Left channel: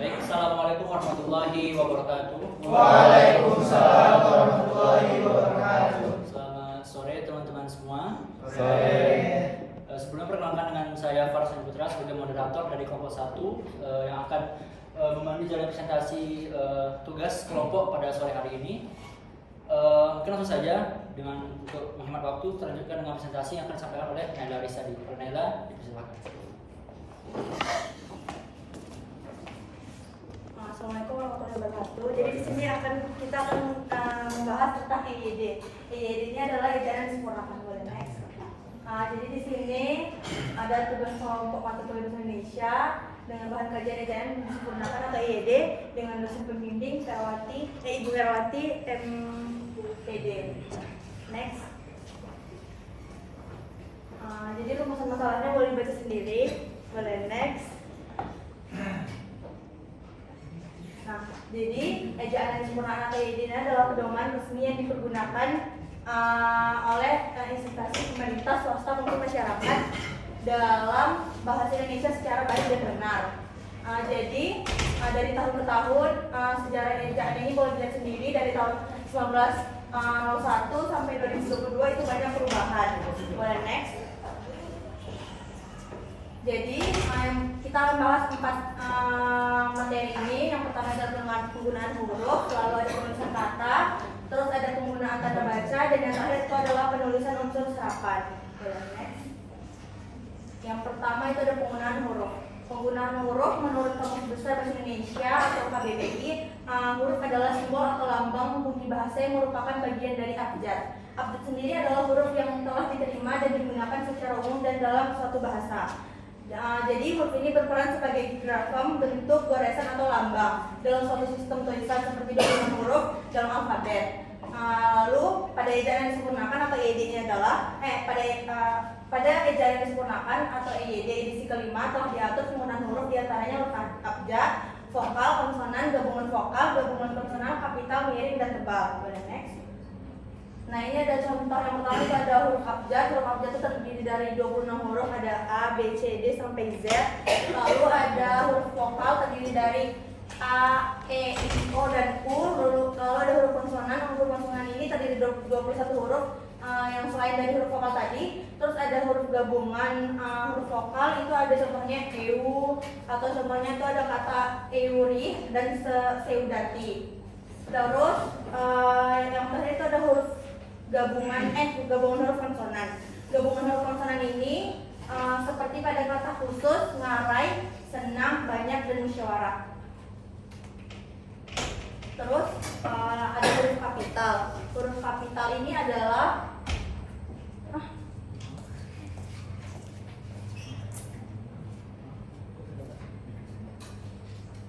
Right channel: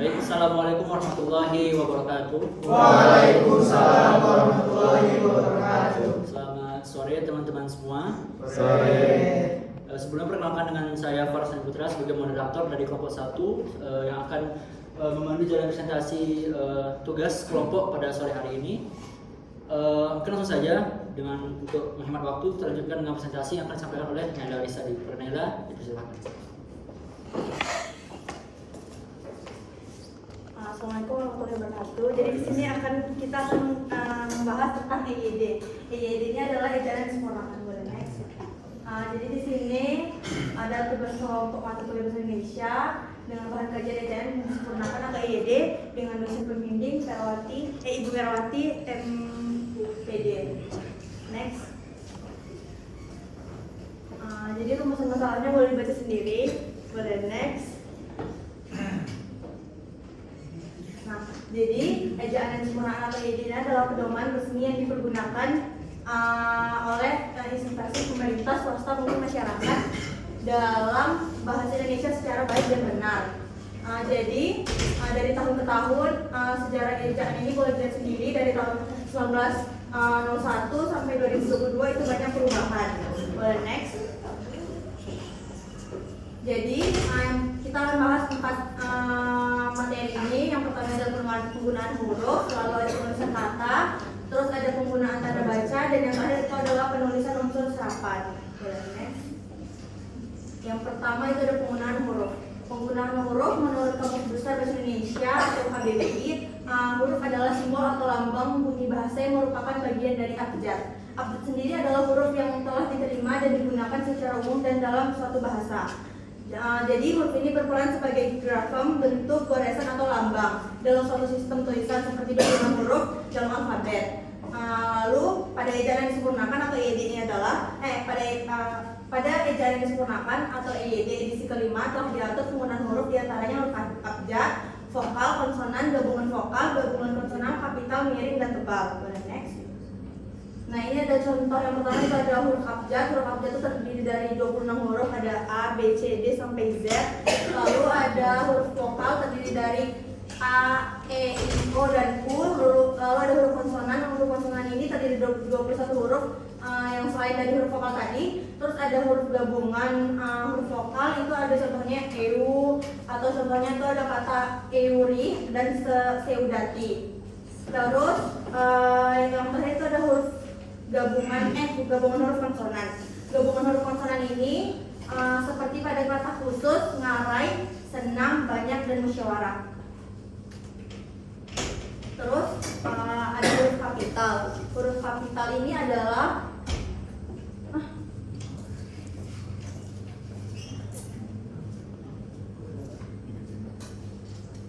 Baik, Assalamualaikum warahmatullahi wabarakatuh. Waalaikumsalam warahmatullahi wabarakatuh. Selamat sore teman-teman semua. Sore. Sebelum perkenalkan dengan saya Farsan Putra sebagai moderator dari kelompok 1 yang akan memandu jalan presentasi tugas kelompok pada sore hari ini. Mungkin langsung saja untuk menghemat waktu kita lanjutkan dengan presentasi yang akan disampaikan oleh Naila Rizadi. Naila, silakan. Assalamualaikum warahmatullahi wabarakatuh. Jadi di sini kita akan membahas tentang EYD. EYD ini adalah ejaan yang disempurnakan. Boleh next. Jadi di sini ada tugas kelompok mata kuliah bahasa Indonesia dengan bahan kajian ejaan yang disempurnakan atau EYD dengan dosen pembimbing Ibu Herawati MPD. Next. Jadi rumusan masalahnya boleh dibaca sendiri. Boleh next. Nah, jadi ejaan yang disempurnakan atau EYD ini adalah pedoman resmi yang dipergunakan oleh instansi pemerintah, swasta maupun masyarakat dalam bahasa Indonesia secara baik dan benar. Jadi dari tahun ke tahun sejarah ejaan ini boleh dilihat sendiri dari tahun 1901 sampai 2022 itu banyak perubahan. Boleh next. Jadi kita akan bahas 4 materi ini. Yang pertama adalah penggunaan huruf, lalu ada penulisan kata, terus ada penggunaan tanda baca, dan yang terakhir itu adalah penulisan unsur serapan. Next. Yang pertama itu ada penggunaan huruf. Penggunaan huruf menurut Kamus Besar Bahasa Indonesia atau KBBI, huruf adalah simbol atau lambang bunyi bahasa yang merupakan bagian dari abjad. Abjad sendiri adalah huruf yang telah diterima dan digunakan secara umum dan dalam suatu bahasa. Jadi huruf ini berperan sebagai grafem, bentuk, goresan atau lambang dalam suatu sistem tulisan seperti 26 huruf dalam alfabet. Lalu pada ejaan yang disempurnakan atau EYD ini adalah pada ejaan yang disempurnakan atau EYD edisi kelima telah diatur penggunaan huruf diantaranya huruf abjad, vokal, konsonan, gabungan vokal, gabungan konsonan, kapital, miring, dan tebal. Boleh next. Nah, ini ada contoh yang pertama itu ada huruf abjad. Huruf abjad itu terdiri dari 26 huruf, ada A, B, C, D sampai Z. Lalu ada huruf vokal terdiri dari A, E, I, O, dan U. Lalu ada huruf konsonan. Huruf konsonan ini terdiri dari 21 huruf yang selain dari huruf vokal tadi. Terus ada huruf gabungan huruf vokal, itu ada contohnya EU, atau contohnya itu ada kata euri dan seudati. Terus yang terakhir itu ada huruf gabungan huruf konsonan. Gabungan huruf konsonan ini seperti pada kata khusus, ngarai, senang, banyak, dan musyawarah. Terus ada huruf kapital. Huruf kapital ini adalah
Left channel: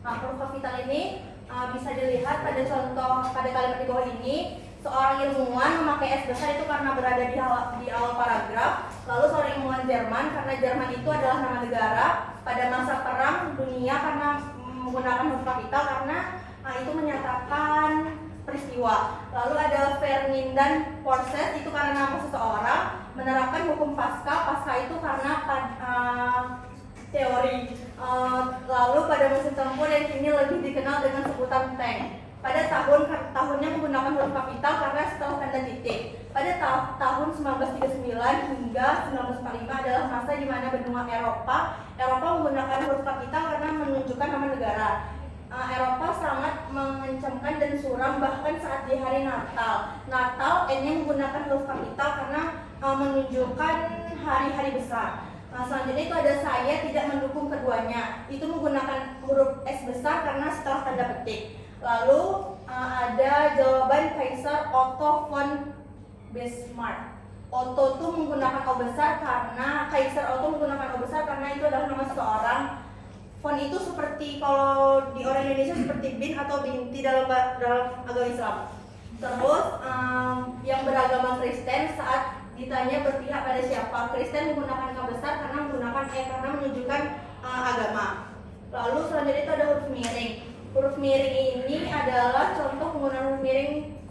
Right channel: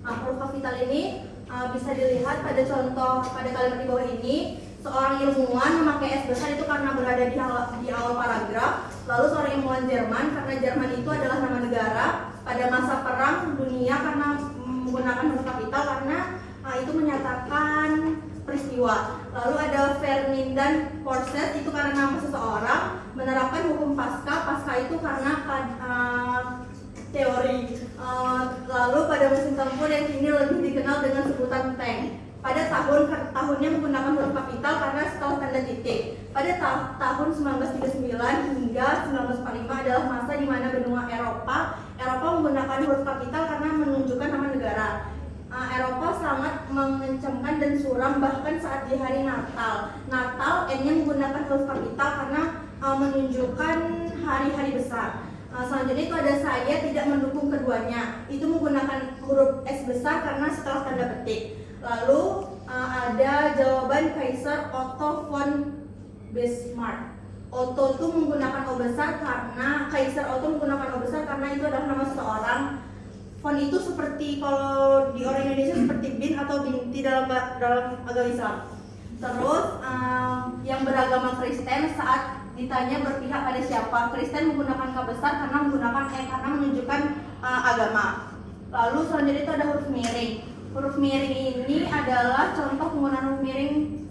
huruf kapital ini bisa dilihat pada contoh pada kalimat di bawah ini. Seorang ilmuwan memakai S besar itu karena berada di awal paragraf. Lalu seorang ilmuwan Jerman karena Jerman itu adalah nama negara pada masa perang dunia karena menggunakan huruf kapital karena itu menyatakan peristiwa. Lalu ada Ferdinand Porsche itu karena nama seseorang, menerapkan hukum Pasca itu karena teori. Lalu pada mesin tempur yang kini lebih dikenal dengan sebutan tank. Pada tahunnya menggunakan huruf kapital karena setelah tanda titik. Pada tahun 1939 hingga 1945 adalah masa di mana benua Eropa menggunakan huruf kapital karena menunjukkan nama negara. Eropa sangat mengencamkan dan suram bahkan saat di hari Natal. N-nya menggunakan huruf kapital karena menunjukkan hari-hari besar. Selanjutnya itu ada saya tidak mendukung keduanya. Itu menggunakan huruf S besar karena setelah tanda petik. Lalu ada jawaban Kaisar Otto von Bismarck. Otto itu menggunakan O besar karena Kaisar Otto menggunakan O besar karena itu adalah nama seseorang. Von itu seperti kalau di orang Indonesia seperti bin atau binti dalam agama Islam. Terus yang beragama Kristen saat ditanya berpihak pada siapa, Kristen menggunakan K besar karena menggunakan E karena menunjukkan agama. Lalu selanjutnya itu ada huruf miring. Huruf miring ini adalah contoh penggunaan huruf miring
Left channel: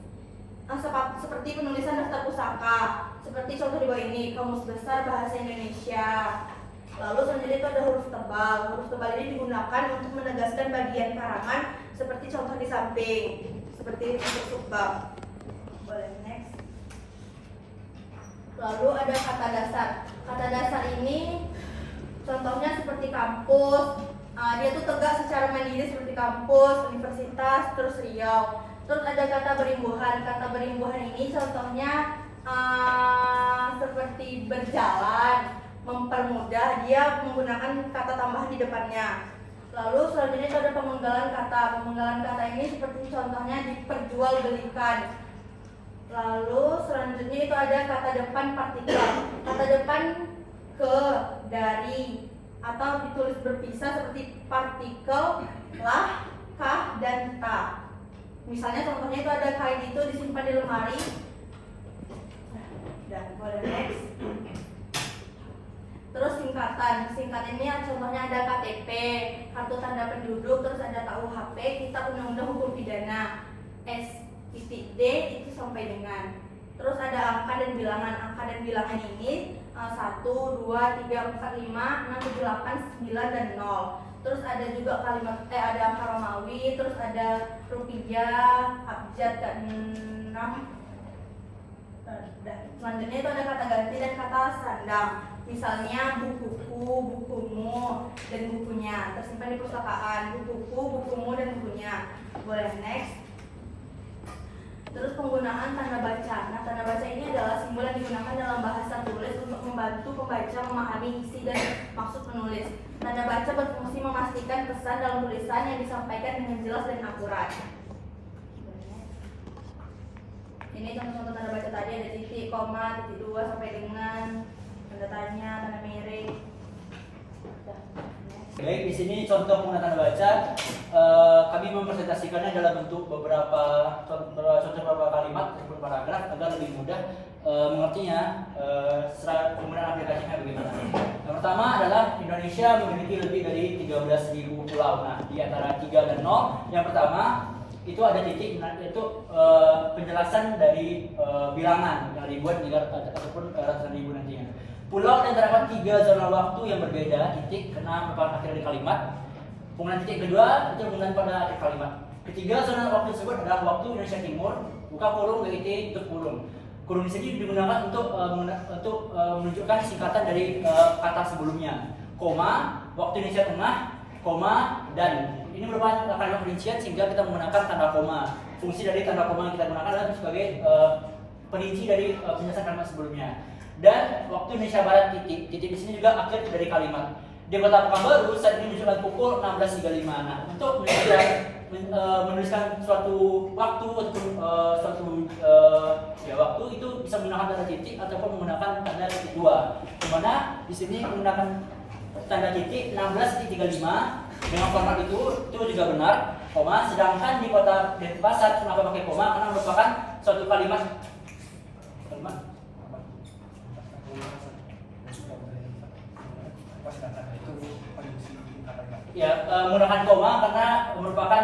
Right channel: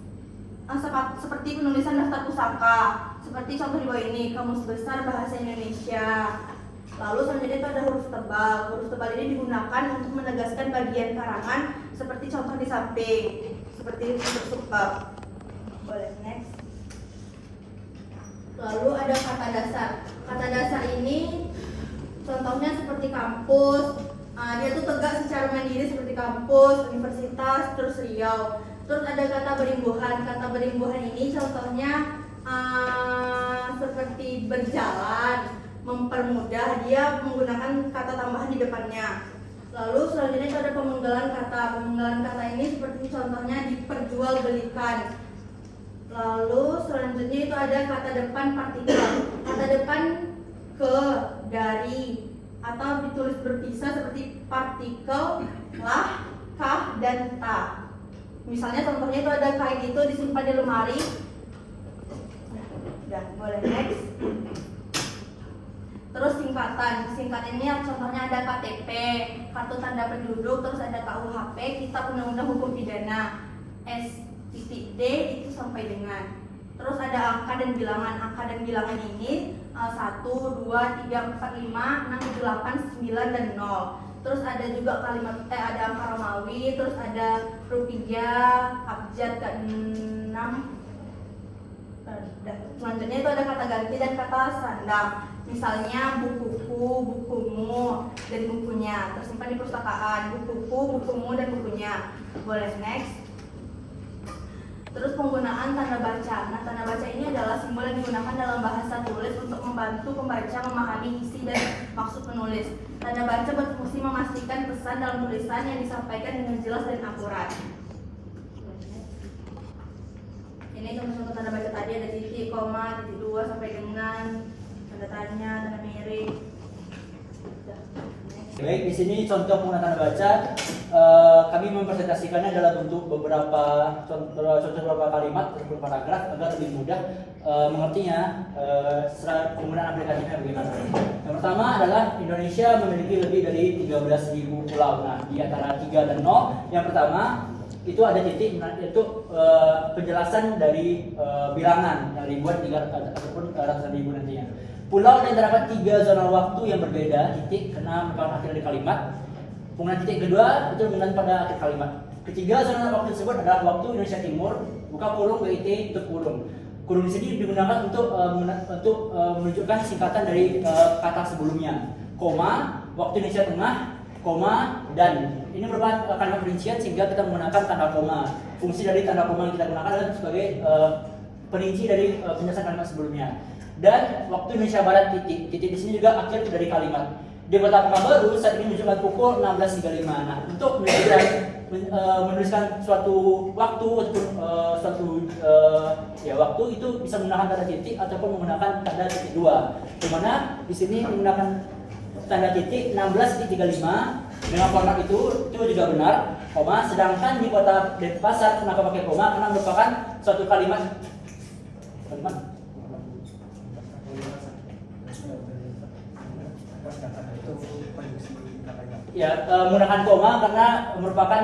seperti penulisan daftar pusaka, seperti contoh di bawah ini, Kamus Besar Bahasa Indonesia. Lalu selanjutnya itu ada huruf tebal. Huruf tebal ini digunakan untuk menegaskan bagian karangan seperti contoh di samping, seperti untuk bab. Boleh next. Lalu ada kata dasar. Kata dasar ini contohnya seperti kampus. Dia tuh tegak secara mandiri seperti kampus, universitas, terus Riau. Terus ada kata berimbuhan. Kata berimbuhan ini contohnya seperti berjalan, mempermudah, dia menggunakan kata tambahan di depannya. Lalu selanjutnya itu ada pemenggalan kata. Pemenggalan kata ini seperti contohnya diperjualbelikan. Lalu selanjutnya itu ada kata depan partikel. Kata depan ke, dari, atau ditulis berpisah seperti partikel, lah, kah, dan ta. Misalnya contohnya itu ada kain itu disimpan di lemari. Udah, boleh next. Terus singkatan. Singkat ini yang contohnya ada KTP, kartu tanda penduduk, terus ada KUHP, Kitab Undang-Undang Hukum Pidana, S.D itu sampai dengan. Terus ada angka dan bilangan. Angka dan bilangan ini 1, 2, 3, 4, 5, 6, 7, 8, 9, dan 0. Terus ada juga kalimat ada angka Romawi, terus ada rupiah, abjad ke-6. Selanjutnya itu ada kata ganti dan kata sandang. Misalnya bukuku, bukumu, dan bukunya tersimpan di perpustakaan. Bukuku, bukumu, dan bukunya. Boleh next. Terus penggunaan tanda baca. Nah, tanda baca ini adalah simbol yang digunakan dalam bahasa tulis untuk membantu pembaca memahami isi dan maksud penulis. Tanda baca berfungsi memastikan pesan dalam tulisan yang disampaikan dengan jelas dan akurat. Ini contoh tanda baca tadi ada titik, koma, titik 2 sampai dengan tanda tanya, tanda miring. Baik, di sini contoh penggunaan tanda baca. Kami mempresentasikannya dalam bentuk beberapa beberapa kalimat ataupun paragraf agar lebih mudah mengertinya secara penggunaan aplikasinya bagaimana. Yang pertama adalah Indonesia memiliki lebih dari 13.000 pulau. Nah, di antara 3 dan 0, yang pertama itu ada titik, yaitu penjelasan dari bilangan yang ribuan ataupun ratusan ribu nantinya. Pulau yang terdapat 3 zona waktu yang berbeda, titik karena merupakan akhir dari kalimat. Penggunaan titik kedua itu menggunakan pada akhir kalimat. Ketiga zona waktu tersebut adalah waktu Indonesia Timur, buka kurung, WIT, tutup kurung. Kurung di sini digunakan untuk menunjukkan singkatan dari kata sebelumnya. Koma, waktu Indonesia Tengah, koma, dan. Ini merupakan kalimat perincian sehingga kita menggunakan tanda koma. Fungsi dari tanda koma yang kita gunakan adalah sebagai perinci dari penjelasan kalimat sebelumnya. Dan waktu Indonesia Barat titik di sini juga akhir dari kalimat. Di Kota Pekanbaru saat ini menunjukkan pukul 16.35. Nah, untuk menuliskan suatu waktu ataupun waktu itu bisa menggunakan tanda titik ataupun menggunakan tanda titik 2. Di mana di sini menggunakan tanda titik 16.35 dengan format itu juga benar, koma. Sedangkan di Kota Denpasar kenapa pakai koma? Karena merupakan suatu kalimat menggunakan koma karena merupakan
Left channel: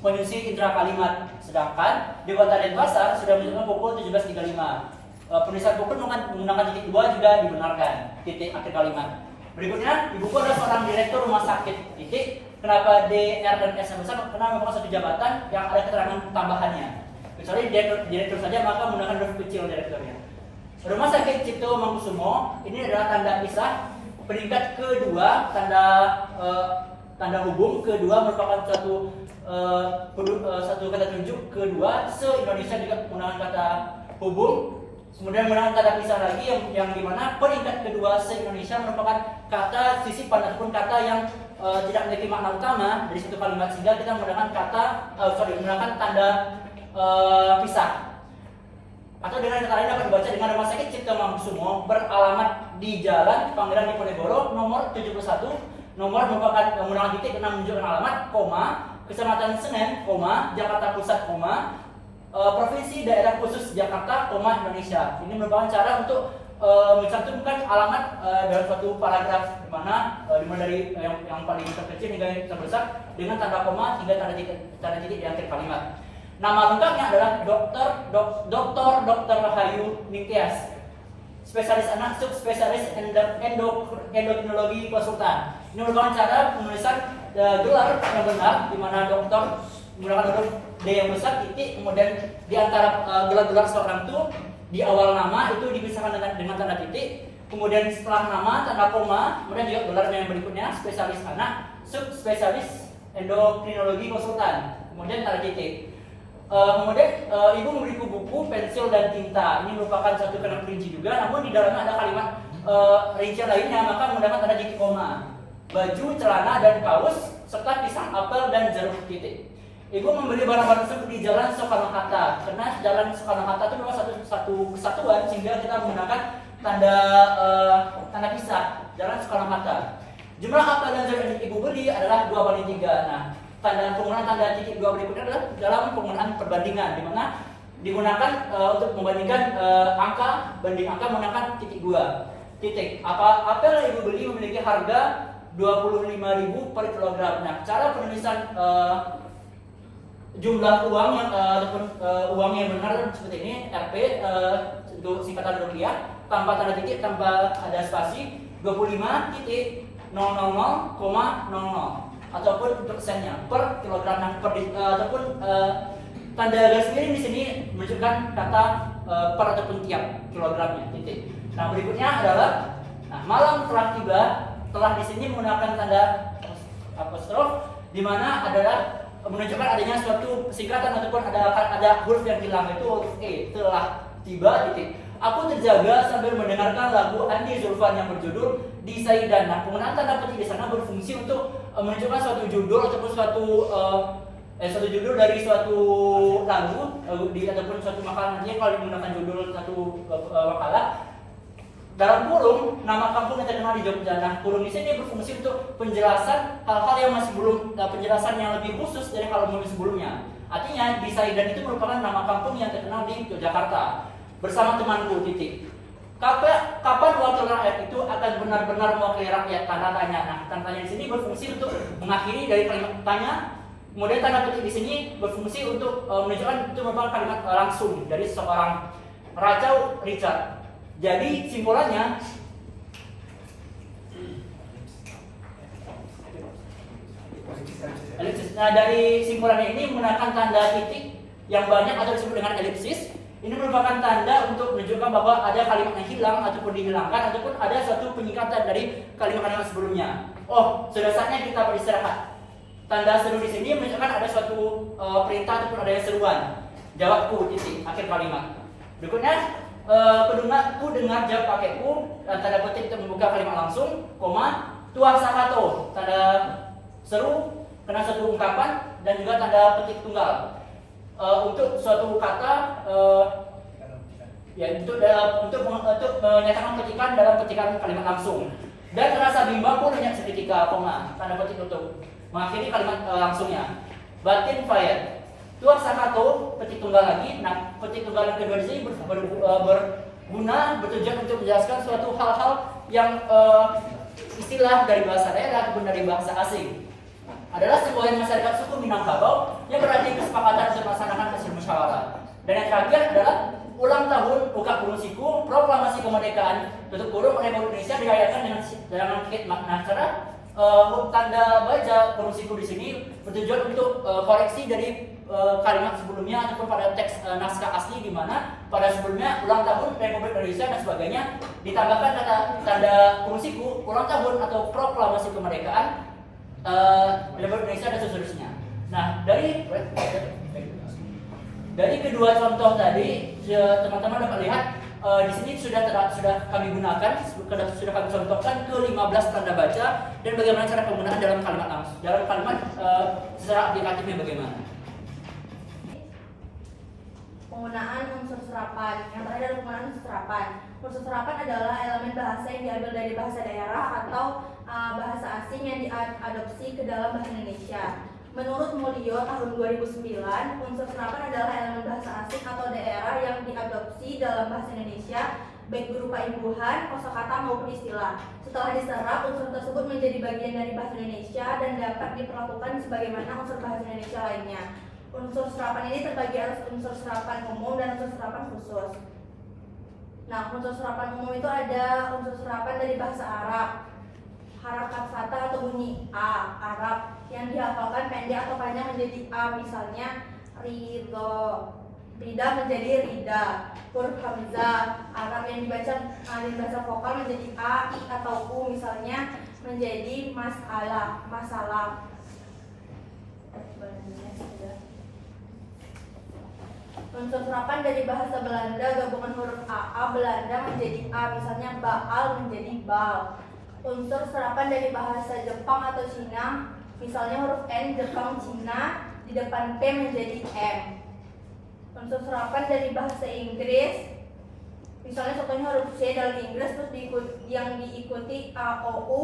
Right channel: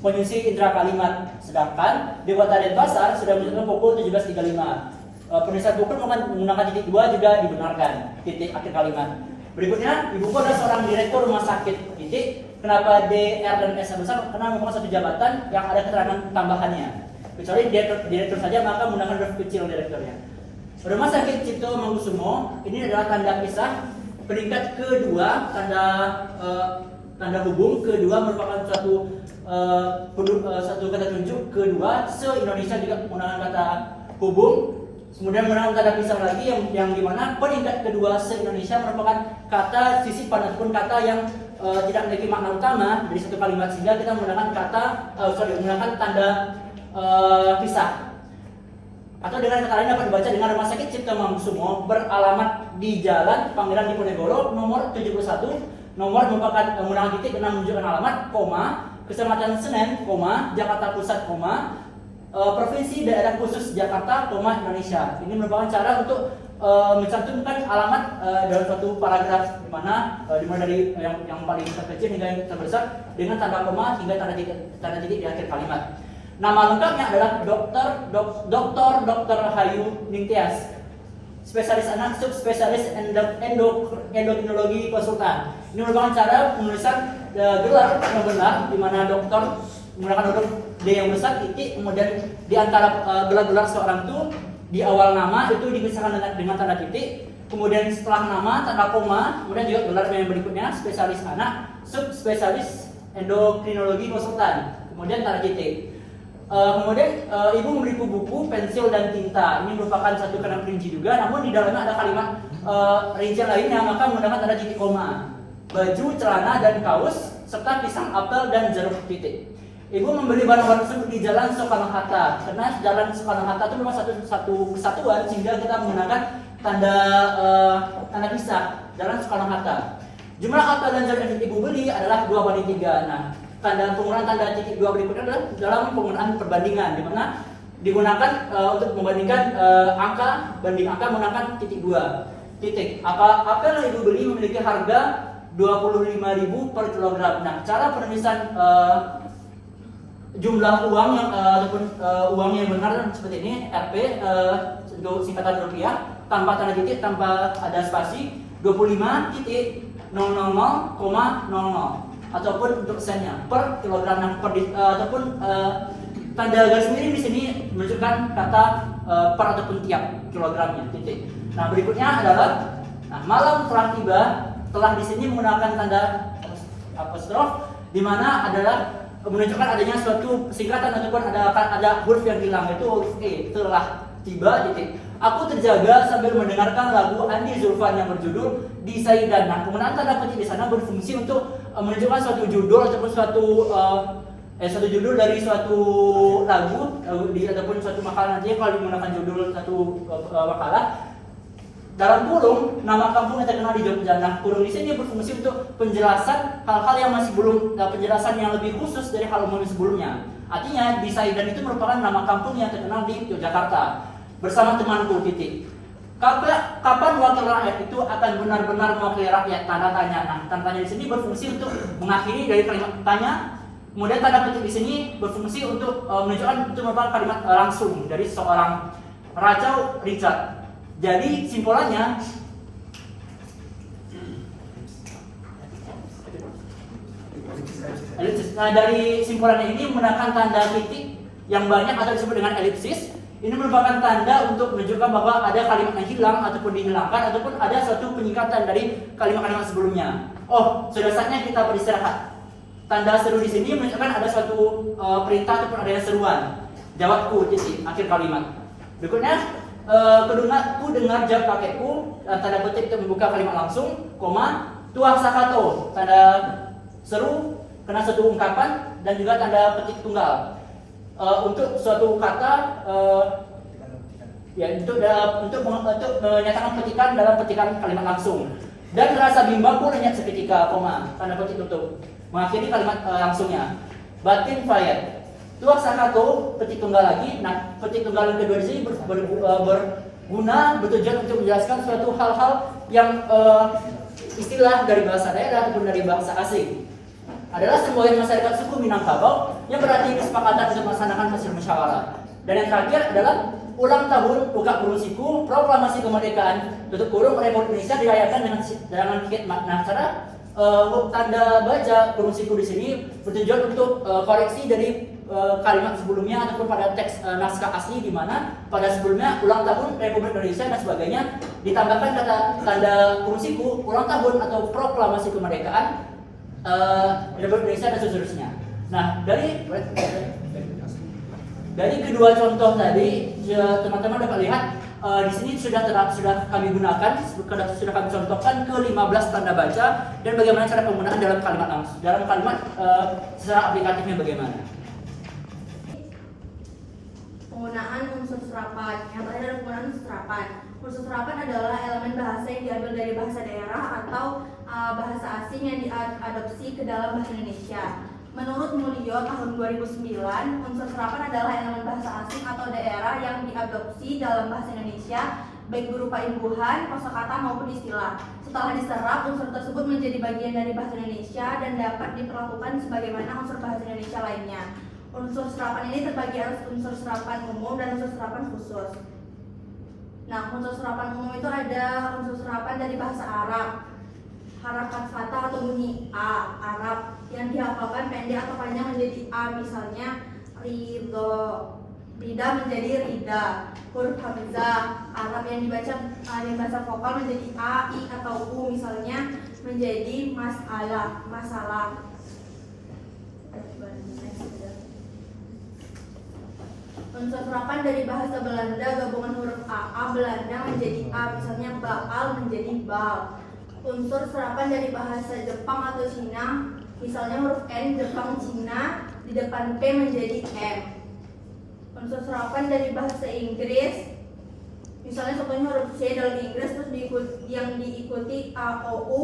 penyusi intra kalimat. Sedangkan di Kota Denpasar sudah menunjukkan pukul 17.35. Penulisan pukul menggunakan titik 2 juga dibenarkan, titik akhir kalimat. Berikutnya, ibuku adalah seorang direktur rumah sakit. Titik. Kenapa DR dan S besar? Karena memang satu jabatan yang ada keterangan tambahannya. Kecuali direktur saja, maka menggunakan huruf kecil direkturnya. Rumah sakit Cipto Mangunkusumo ini adalah tanda pisah. Peringkat kedua, tanda hubung kedua merupakan satu kata tunjuk. Kedua, se-Indonesia juga menggunakan kata hubung. Kemudian menggunakan kata pisah lagi yang dimana peringkat kedua se-Indonesia merupakan kata sisipan ataupun kata yang tidak memiliki makna utama dari satu kalimat, sehingga kita menggunakan menggunakan tanda pisah. Atau dengan kata lain dapat dibaca dengan Rumah Sakit Cipto Mangunkusumo beralamat di Jalan Pangeran Diponegoro nomor 71. Nomor merupakan menggunakan titik karena menunjukkan alamat, koma, Kecamatan Senen, koma, Jakarta Pusat, koma, Provinsi Daerah Khusus Jakarta, koma, Indonesia. Ini merupakan cara untuk mencantumkan alamat dalam suatu paragraf di mana dari yang paling terkecil hingga yang terbesar dengan tanda koma hingga tanda titik di akhir kalimat. Nama lengkapnya adalah Dr. Hayu Ningtyas, spesialis anak, subspesialis endokrinologi konsultan. Ini merupakan cara penulisan gelar yang benar, di mana dokter menggunakan huruf D yang besar, titik, kemudian di antara gelar-gelar seorang itu di awal nama itu dipisahkan dengan tanda titik, kemudian setelah nama tanda koma, kemudian juga gelar yang berikutnya spesialis anak, subspesialis endokrinologi konsultan, kemudian tanda titik. Kemudian ibu memberiku buku, pensil dan tinta. Ini merupakan satu kalimat rinci juga, namun di dalamnya ada kalimat rincian lainnya, maka menggunakan tanda titik koma. Baju, celana dan kaos serta pisang, apel dan jeruk titik. Ibu membeli barang-barang tersebut di Jalan Soekarno-Hatta, karena Jalan Soekarno-Hatta itu memang satu kesatuan sehingga kita menggunakan tanda pisah Jalan Soekarno-Hatta. Jumlah apel dan jeruk yang ibu beli adalah 2/3. Nah, penggunaan tanda titik 2 berikutnya adalah dalam penggunaan perbandingan, di mana digunakan untuk membandingkan angka banding angka menggunakan titik 2. Titik. Apel yang ibu beli memiliki harga 25.000 per kilogram. Nah, cara penulisan jumlah uang yang ataupun uang yang benar seperti ini, Rp untuk singkatan rupiah, tanpa tanda titik, tanpa ada spasi, 25.000,00 ataupun untuk sennya per kilogram ataupun tanda garis miring di sini menunjukkan kata per ataupun tiap kilogramnya, titik. Nah, berikutnya adalah malam telah tiba, telah di sini menggunakan tanda apostrof, di mana adalah menunjukkan adanya suatu singkatan ataupun ada huruf yang hilang, itu huruf E, telah tiba, titik. Aku terjaga sambil mendengarkan lagu Andi Zulfan yang berjudul Di Saidan. Nah, penggunaan tanda petik di sana berfungsi untuk menunjukkan suatu judul ataupun suatu judul dari suatu lagu ataupun suatu makalah. Nantinya kalau menggunakan judul satu makalah, dalam kurung nama kampung yang terkenal di Jogja. Nah, kurung di sini berfungsi untuk penjelasan hal-hal yang masih belum penjelasan yang lebih khusus dari hal umum sebelumnya. Artinya Di Saidan itu merupakan nama kampung yang terkenal di Yogyakarta. Bersama temanku, titik. Kapan wakil rakyat itu akan benar-benar mewakili rakyat? Tanda tanya. Nah, tanda tanya di sini berfungsi untuk mengakhiri dari kalimat tanya. Kemudian tanda petik di sini berfungsi untuk menunjukkan itu merupakan kalimat langsung dari seorang Rachel Richard. Jadi simpulannya elipsis. Nah, dari simpulannya ini menggunakan tanda titik yang banyak atau disebut dengan elipsis. Ini merupakan tanda untuk menunjukkan bahwa ada kalimat yang hilang ataupun dihilangkan ataupun ada suatu penyingkatan dari kalimat-kalimat sebelumnya. Oh, sudah saatnya kita beristirahat. Tanda seru di sini menunjukkan ada suatu perintah ataupun ada seruan. Jawabku, titik, akhir kalimat. Berikutnya, ku dengar jawab kakekku, tanda petik untuk membuka kalimat langsung, koma, tuah sakato, tanda seru, kena suatu ungkapan, dan juga tanda petik tunggal. Untuk suatu kata, untuk menyatakan petikan dalam petikan kalimat langsung. Dan rasa bimbangku lenyap seketika, koma, tanda petik untuk mengakhiri kalimat langsungnya. Batin fire. Tuah sakato, petik tunggal lagi. Nah, petik tunggal yang kedua di sini berguna, bertujuan untuk menjelaskan suatu hal-hal yang istilah dari bahasa daerah ataupun dari bahasa asing. Adalah sebuah masyarakat suku Minangkabau yang berarti kesepakatan untuk melaksanakan hasil musyawarah. Dan yang terakhir adalah ulang tahun buka kurung siku proklamasi kemerdekaan tutup kurung Republik Indonesia dirayakan dengan makna cara tanda baja kurung siku di sini bertujuan untuk koreksi dari kalimat sebelumnya ataupun pada teks naskah asli, di mana pada sebelumnya ulang tahun Republik Indonesia dan sebagainya ditambahkan kata tanda kurung siku ulang tahun atau proklamasi kemerdekaan Republik Indonesia dan seterusnya. Nah, dari kedua contoh tadi, teman-teman dapat lihat di sini sudah kami gunakan, sudah kami contohkan ke 15 tanda baca dan bagaimana cara penggunaan dalam kalimat langsung, dalam kalimat secara aplikatifnya bagaimana. Penggunaan unsur serapan. Yang terakhir adalah penggunaan unsur serapan. Unsur serapan adalah elemen bahasa yang diambil dari bahasa daerah atau bahasa asing yang diadopsi ke dalam bahasa Indonesia. Menurut Mulyo tahun 2009, unsur serapan adalah elemen bahasa asing atau daerah yang diadopsi dalam bahasa Indonesia baik berupa imbuhan, kosakata maupun istilah. Setelah diserap, unsur tersebut menjadi bagian dari bahasa Indonesia dan dapat diperlakukan sebagaimana unsur bahasa Indonesia lainnya. Unsur serapan ini terbagi atas unsur serapan umum dan unsur serapan khusus. Nah, unsur serapan umum itu ada unsur serapan dari bahasa Arab, harakat fathah atau bunyi A Arab yang dihafalkan pendek atau panjang menjadi A, misalnya ridho, rida menjadi rida. Huruf hamzah Arab yang dibaca vokal menjadi A, I atau U, misalnya menjadi masalah, masalah. Unsur serapan dari bahasa Belanda gabungan huruf A Belanda menjadi A, misalnya baal menjadi bal. Unsur serapan dari bahasa Jepang atau Cina, misalnya huruf N Jepang Cina di depan P menjadi M. Unsur serapan dari bahasa Inggris, misalnya contohnya huruf C dalam Inggris terus yang diikuti A O U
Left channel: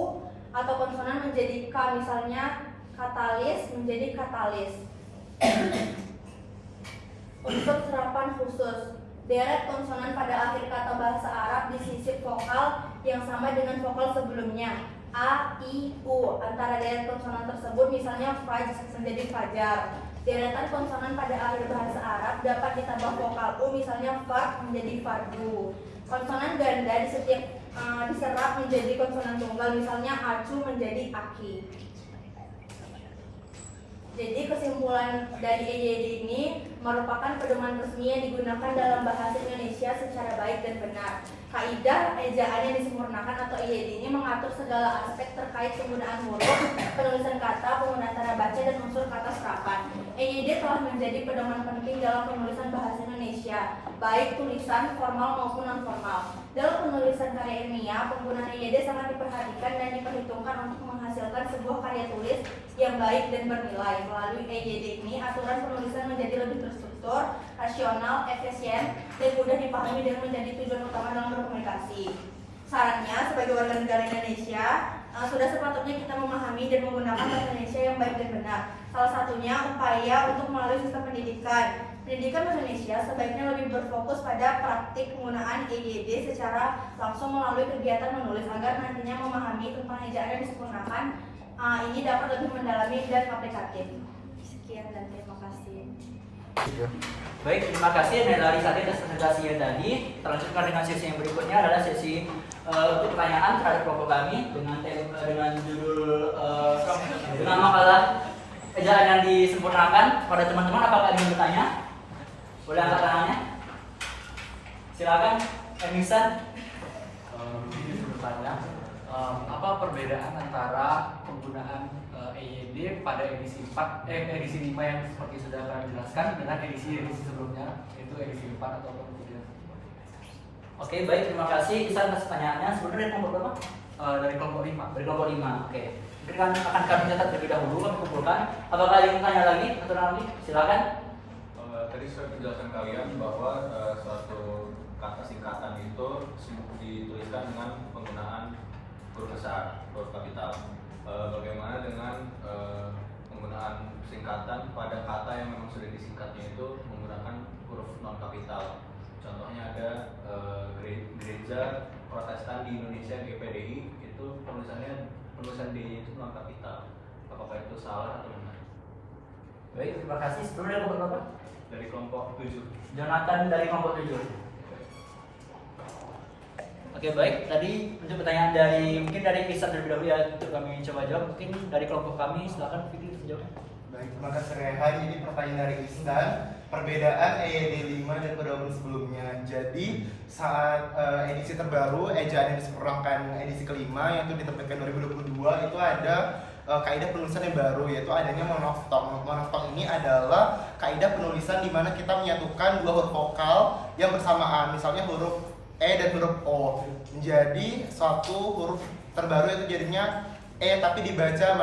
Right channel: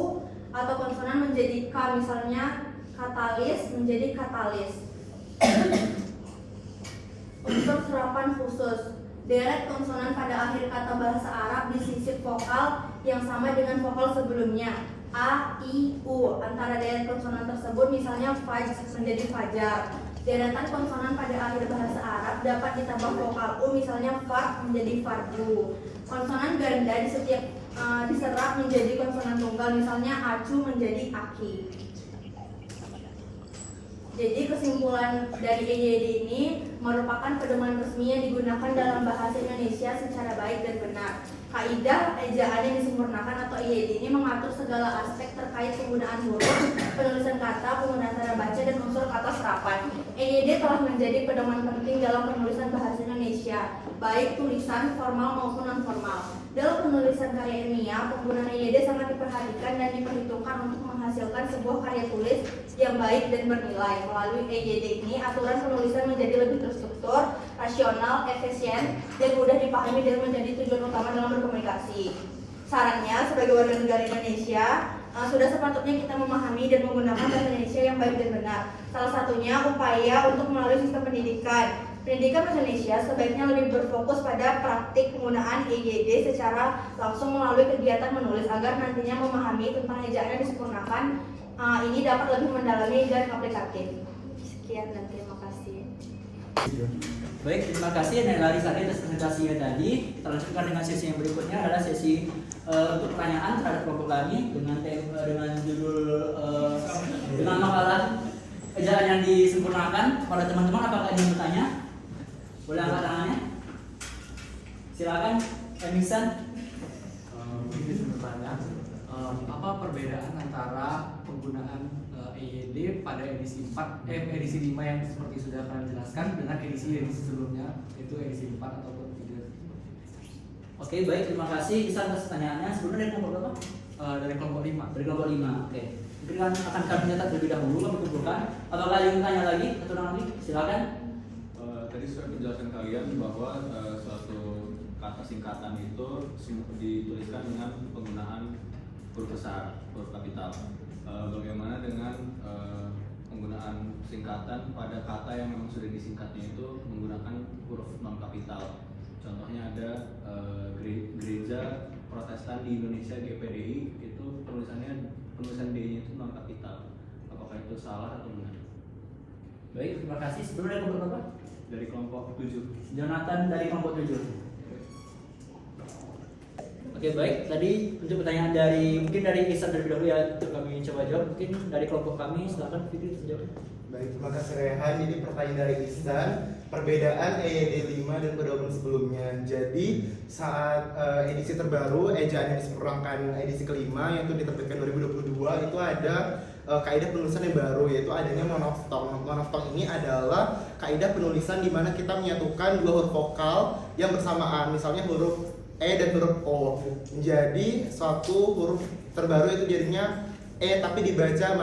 atau konsonan menjadi K, misalnya katalis menjadi katalis. Unsur serapan khusus, deret konsonan pada akhir kata bahasa Arab disisip vokal yang sama dengan vokal sebelumnya. A, I, U. Antara deret konsonan tersebut misalnya faj menjadi fajar. Deretan konsonan pada akhir bahasa Arab dapat ditambah vokal U, misalnya fard menjadi fardu. Konsonan ganda diserap menjadi konsonan tunggal, misalnya acu menjadi aki. Jadi kesimpulan dari EYD ini merupakan pedoman resmi yang digunakan dalam bahasa Indonesia secara baik dan benar. Kaidah ejaan yang disempurnakan atau EYD ini mengatur segala aspek terkait penggunaan huruf, penulisan kata, penggunaan tanda baca, dan unsur kata serapan. EYD telah menjadi pedoman penting dalam penulisan bahasa Indonesia, baik tulisan formal maupun non formal. Dalam penulisan karya ilmiah, penggunaan EYD sangat diperhatikan dan diperhitungkan untuk menghasilkan sebuah karya tulis yang baik dan bernilai. Melalui EYD ini, aturan penulisan menjadi lebih terstruktur, rasional, efisien, dan mudah dipahami dan menjadi tujuan utama dalam berkomunikasi. Sarannya, sebagai warga negara Indonesia, sudah sepatutnya kita memahami dan menggunakan bahasa Indonesia yang baik dan benar. Salah satunya upaya untuk melalui sistem pendidikan. Pendidikan bahasa Indonesia sebaiknya lebih berfokus pada praktik penggunaan EYD secara langsung melalui kegiatan menulis agar nantinya memahami tentang ejaan yang disempurnakan ini dapat lebih mendalami dan aplikatif. Sekian dan terima kasih. Baik, terima kasih Larisati atas presentasinya tadi. Kita lanjutkan dengan sesi yang berikutnya adalah sesi pertanyaan terhadap kelompok kami dengan judul dengan makalah ejaan yang disempurnakan. Pada teman-teman, apakah ingin bertanya? Boleh angkat tangannya? Silakan, Emisan. Izin bertanya, apa perbedaan antara penggunaan EYD pada edisi 5 yang seperti sudah kalian jelaskan dengan edisi sebelumnya, itu edisi 4 ataupun 3? Oke, baik, terima kasih Isan atas pertanyaannya. Sebenarnya dari kelompok berapa? Dari kelompok 5. Dari kelompok 5, oke. Mungkin akan kami catat terlebih dahulu, kami kumpulkan. Apakah ada yang tanya lagi atau nanti? Silakan. Tadi sudah menjelaskan kalian bahwa suatu kata singkatan itu dituliskan dengan penggunaan huruf besar, huruf kapital. Bagaimana dengan penggunaan singkatan pada kata yang memang sudah disingkatnya itu menggunakan huruf non kapital? Contohnya ada gereja Protestan di Indonesia GPDI, itu penulisan D-nya itu non kapital. Apakah itu salah atau benar? Baik, terima kasih. Sebenarnya kelompok berapa? Dari kelompok 7. Jonathan dari kelompok 7. Oke, baik. Tadi untuk pertanyaan mungkin dari Isan terlebih dahulu ya, untuk kami coba jawab. Mungkin dari kelompok kami, silakan Fikri terjawab. Baik, terima kasih Rehan. Ini pertanyaan dari Ihsan. Perbedaan EYD 5 dan pedoman sebelumnya. Jadi saat edisi terbaru ejaan yang disempurnakan edisi kelima yang itu diterbitkan 2022 itu ada kaidah penulisan yang baru, yaitu adanya monoftong. Monoftong ini adalah kaidah penulisan di mana kita menyatukan dua huruf vokal yang bersamaan, misalnya huruf E dan huruf O menjadi suatu huruf terbaru, itu jadinya E tapi dibaca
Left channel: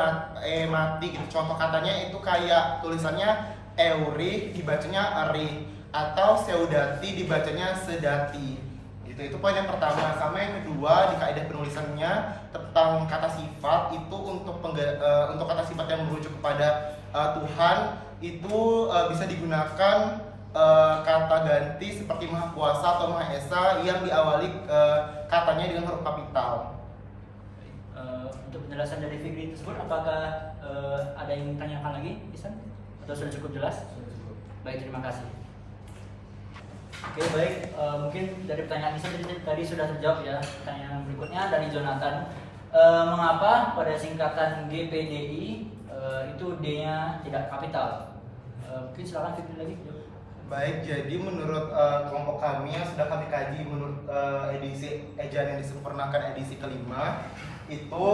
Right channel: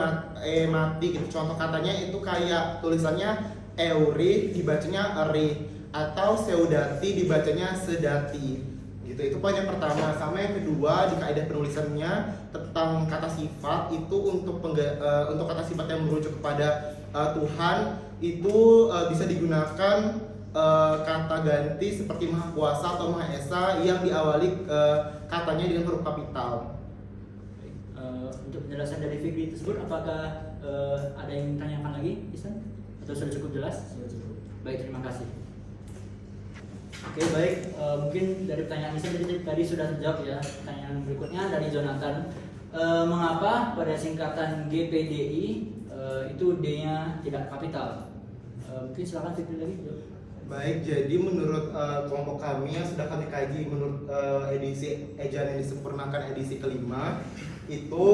mati gitu. Contoh katanya itu kayak tulisannya Euri dibacanya Eri, atau Seudati dibacanya Sedati gitu. Itu poin yang pertama. Sama yang kedua, di kaidah penulisannya tentang kata sifat itu untuk kata sifat yang merujuk kepada Tuhan itu bisa digunakan kata ganti seperti Maha Kuasa atau Maha Esa yang diawali katanya dengan huruf kapital. Untuk penjelasan dari Fikri tersebut, apakah ada yang ditanyakan lagi, Isan? Atau sudah cukup jelas? Sudah cukup. Baik, terima kasih. Oke baik, mungkin dari pertanyaan Nisa tadi sudah terjawab ya. Pertanyaan berikutnya dari Jonathan, mengapa pada singkatan GPDI itu D-nya tidak kapital? Mungkin silakan Fikri lagi. Baik, jadi menurut kelompok kami yang sudah kami kaji menurut edisi ejaan yang disempurnakan edisi kelima itu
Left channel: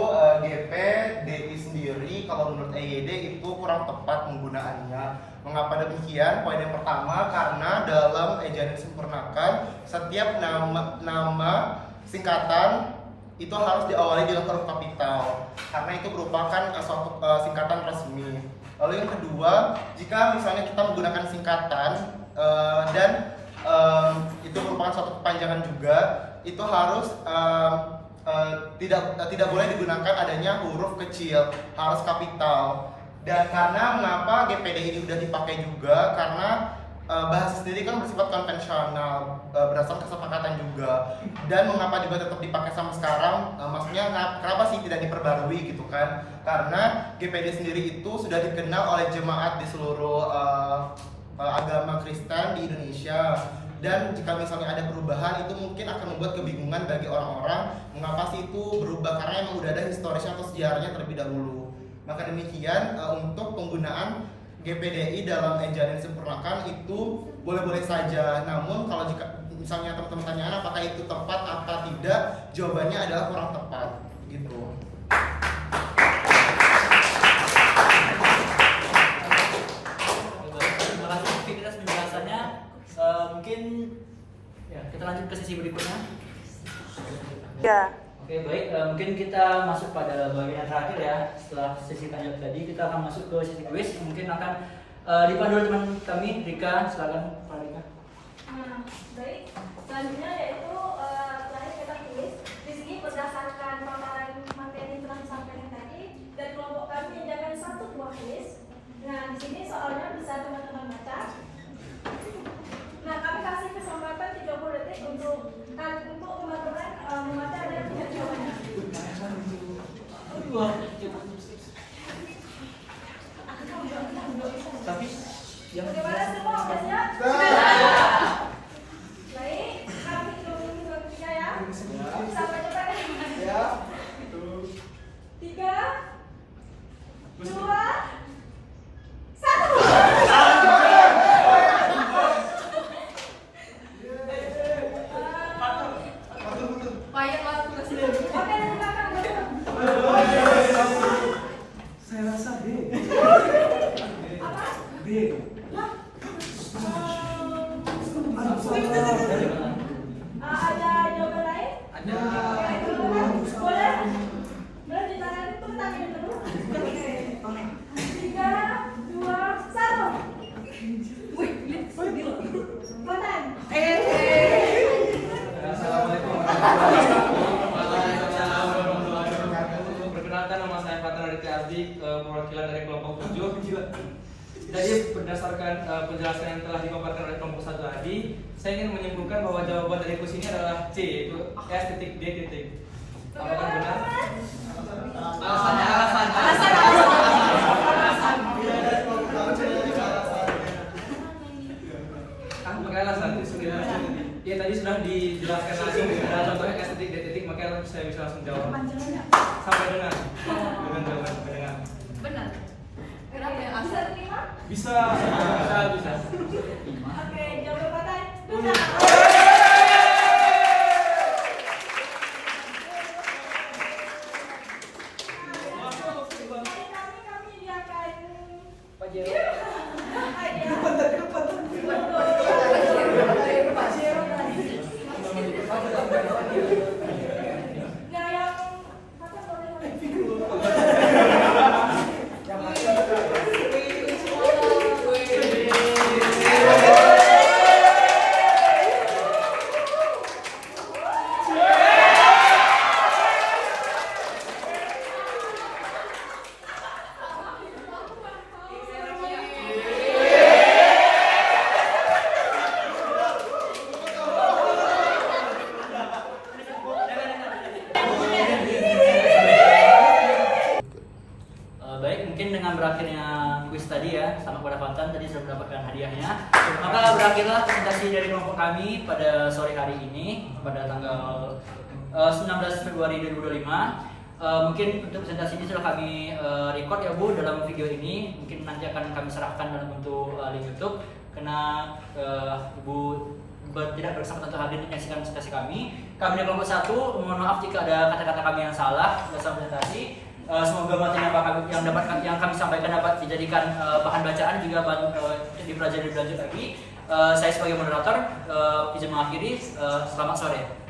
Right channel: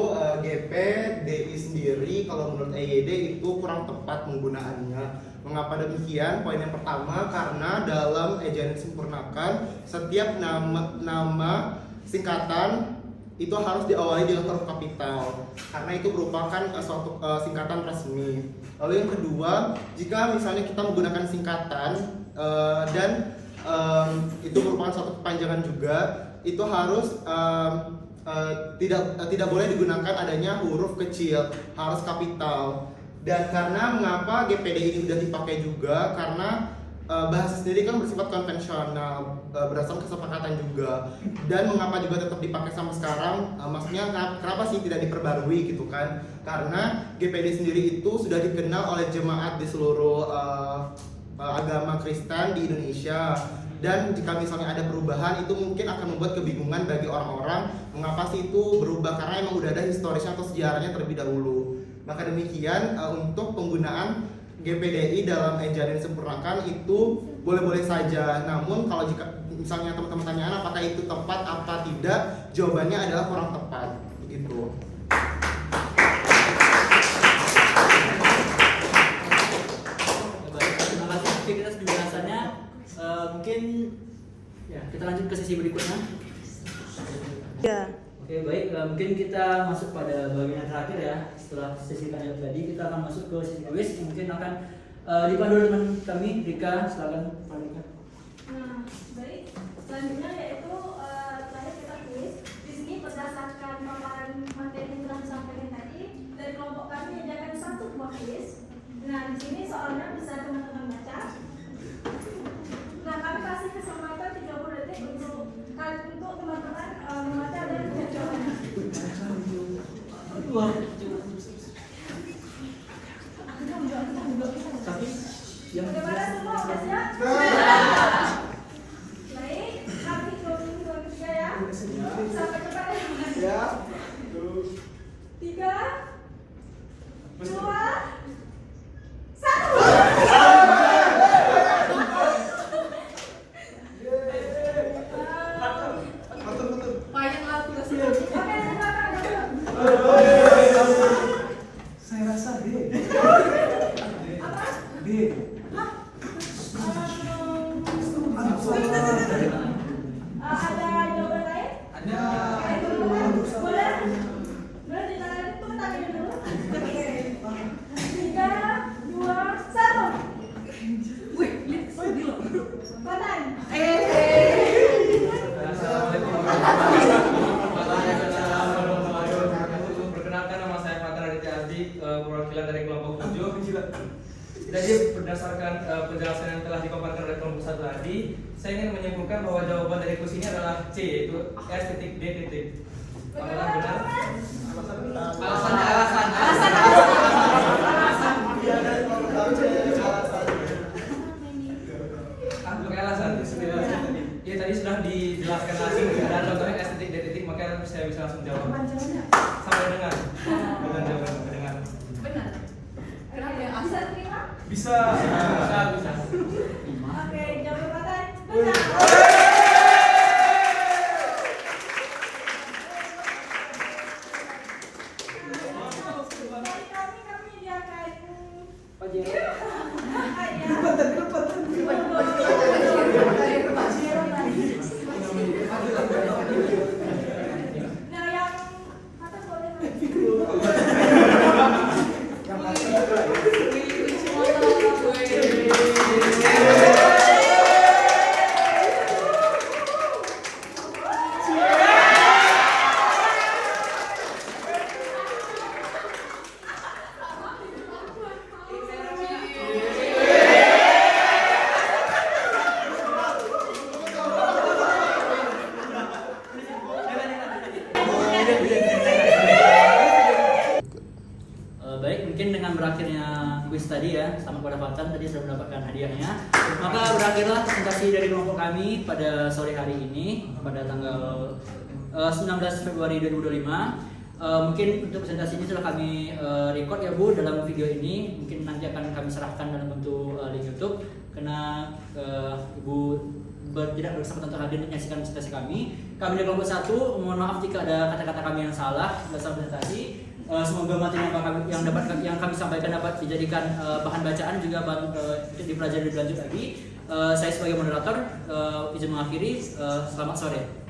GPDI sendiri kalau menurut EYD itu kurang tepat penggunaannya. Mengapa demikian? Poin yang pertama karena dalam ejaan yang disempurnakan setiap nama singkatan itu harus diawali dengan huruf kapital karena itu merupakan suatu singkatan resmi. Lalu yang kedua, jika misalnya kita menggunakan singkatan dan itu merupakan suatu kepanjangan juga, itu harus tidak boleh digunakan adanya huruf kecil, harus kapital. Dan karena mengapa GPD ini sudah dipakai juga karena bahasa sendiri kan bersifat konvensional, berdasarkan kesepakatan juga. Dan mengapa juga tetap dipakai sampai sekarang? Maksudnya kenapa sih tidak diperbarui gitu kan? Karena GPD sendiri itu sudah dikenal oleh jemaat di seluruh agama Kristen di Indonesia. Dan jika misalnya ada perubahan itu mungkin akan membuat kebingungan bagi orang-orang mengapa sih itu berubah karena emang udah ada historisnya atau sejarahnya terlebih dahulu. Maka demikian untuk penggunaan GPDI dalam ejaan yang disempurnakan itu boleh-boleh saja. Namun kalau jika misalnya teman-teman tanyaan apakah itu tepat apa tidak, jawabannya adalah kurang tepat gitu. Terima kasih Fikri atas penjelasannya. Mungkin ya kita lanjut ke sesi berikutnya. Ya. Oke baik, mungkin kita masuk pada bagian terakhir ya. Setelah sesi tanya tadi kita akan masuk ke sesi quiz. Mungkin akan dipandu oleh teman kami Rika, silakan Pak Rika. Baik, selanjutnya yaitu terakhir kita kuis. Di sini berdasarkan paparan materi yang telah disampaikan tadi dari kelompok kami menyediakan satu buah kuis. Nah di sini soalnya bisa teman-teman baca. Nah kami kasih kesempatan 30 detik untuk teman-teman membaca dan punya jawabannya. Tapi yang Bagaimana semua udah siap? Baik, kami 23 ya. Sampai cepat ya. 3, 2, 1. Banyak lah tugas. Oke, silakan. Saya rasa B. Apa? B. Ada jawaban lain? Ada. Boleh? Boleh ditanya itu tangannya dulu. Oke. 3, 2, 1. Wih, Kontan. Assalamualaikum warahmatullahi wabarakatuh. Perkenalkan nama saya Fathur Aditya Asdi, perwakilan dari kelompok 7. Jadi berdasarkan penjelasan yang telah dipaparkan oleh kelompok 1 tadi, saya ingin menyimpulkan bahwa jawaban dari kuis ini adalah C, yaitu S.D. Apakah benar? Alasan. Pakai alasan. Ya tadi sudah dijelaskan langsung ada contohnya S.D, maka saya bisa langsung jawab. Sampai dengan jawaban mendengar. Benar. Bisa terima? Bisa. Oke, jawaban benar. Kami akan Pak Jero. Nah, yang atas boleh. tadi ya, sama kepada Fatan tadi sudah mendapatkan hadiahnya. Maka berakhirlah presentasi dari kelompok kami pada sore hari ini pada tanggal 19 Februari 2025. Mungkin untuk presentasi ini sudah kami record ya Bu dalam video ini. Mungkin nanti akan kami serahkan dalam bentuk link YouTube karena Ibu tidak berkesempatan untuk hadir menyaksikan presentasi kami. Kami dari kelompok 1 mohon maaf jika ada kata-kata kami yang salah dalam presentasi. Semoga materi yang kami sampaikan dapat dijadikan bahan bacaan juga dipelajari lebih lanjut lagi. Saya sebagai moderator izin mengakhiri. Selamat sore.